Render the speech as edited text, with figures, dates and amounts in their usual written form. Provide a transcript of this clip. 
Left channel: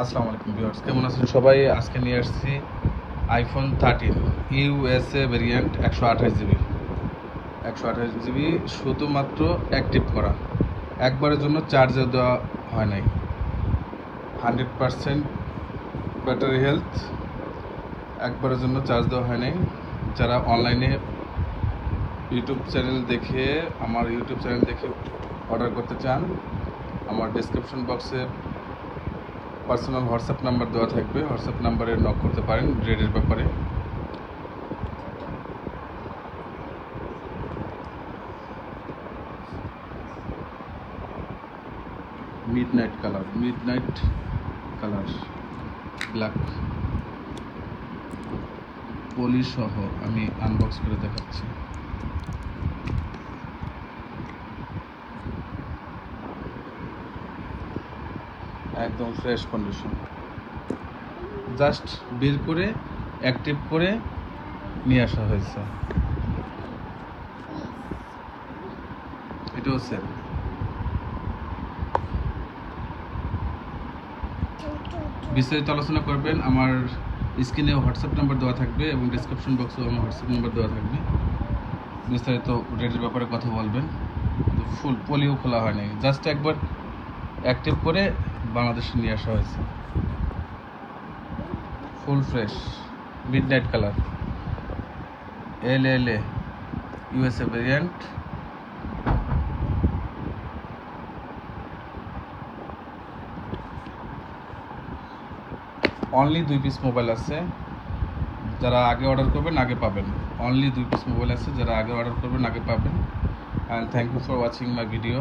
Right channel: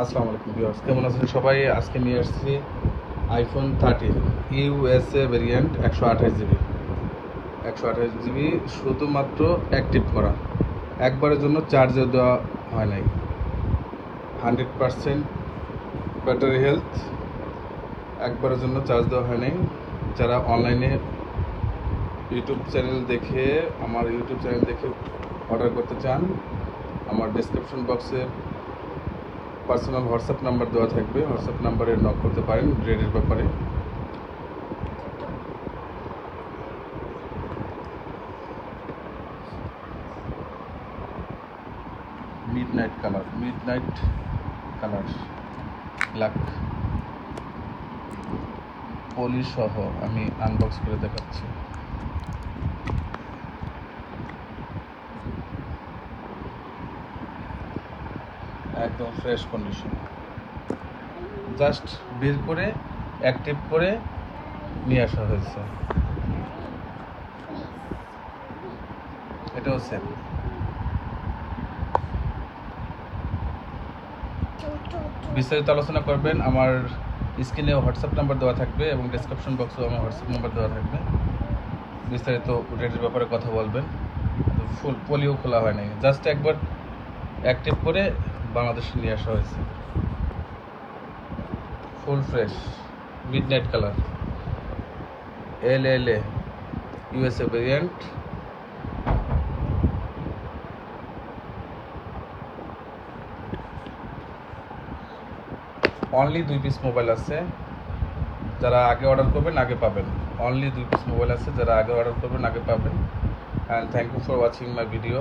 আসসালামু আলাইকুম ভিউয়ার্স, কেমন আছেন সবাই? আজকে নিয়ে আসছি iPhone 13 USA variant 128 GB. 128 GB শুধুমাত্র অ্যাক্টিভ করা, একবারের জন্য চার্জও দেওয়া হয় নাই। 100% ব্যাটারি হেলথ, একবারের জন্য চার্জ দেওয়া হয় নাই। যারা অনলাইনে আমার ইউটিউব চ্যানেল দেখে অর্ডার করতে চান, আমার ডেসক্রিপশন বক্সে পার্সোনাল হোয়াটসঅ্যাপ নাম্বার দেওয়া থাকবে, হোয়াটসঅ্যাপ নাম্বারে নক করতে পারেন রেটের ব্যাপারে। মিডনাইট কালার ব্ল্যাক পলি সহ আমি আনবক্স করে দেখাচ্ছি। একদম ফ্রেশ কন্ডিশন, জাস্ট বের করে অ্যাক্টিভ করে নিয়ে আসা হয়েছে। এটাও সেল। বিস্তারিত আলোচনা করবেন, আমার স্ক্রিনে হোয়াটসঅ্যাপ নাম্বার দেওয়া থাকবে এবং ডেসক্রিপশন বক্সেও আমার হোয়াটসঅ্যাপ নাম্বার দেওয়া থাকবে। বিস্তারিত রেটের ব্যাপারে কথা বলবেন। ফুল পলিও খোলা হয়নি, জাস্ট একবার অ্যাক্টিভ করে বাংলাদেশে নিয়ে আসা হয়েছে। Full fresh midnight colour LLA USA variant. Only 2 piece mobile আছে, যারা আগে অর্ডার করবেন আগে পাবেন। অনলি 2 পিস মোবাইল আছে, যারা আগে অর্ডার করবেন আগে পাবেন। And thank you for watching my video.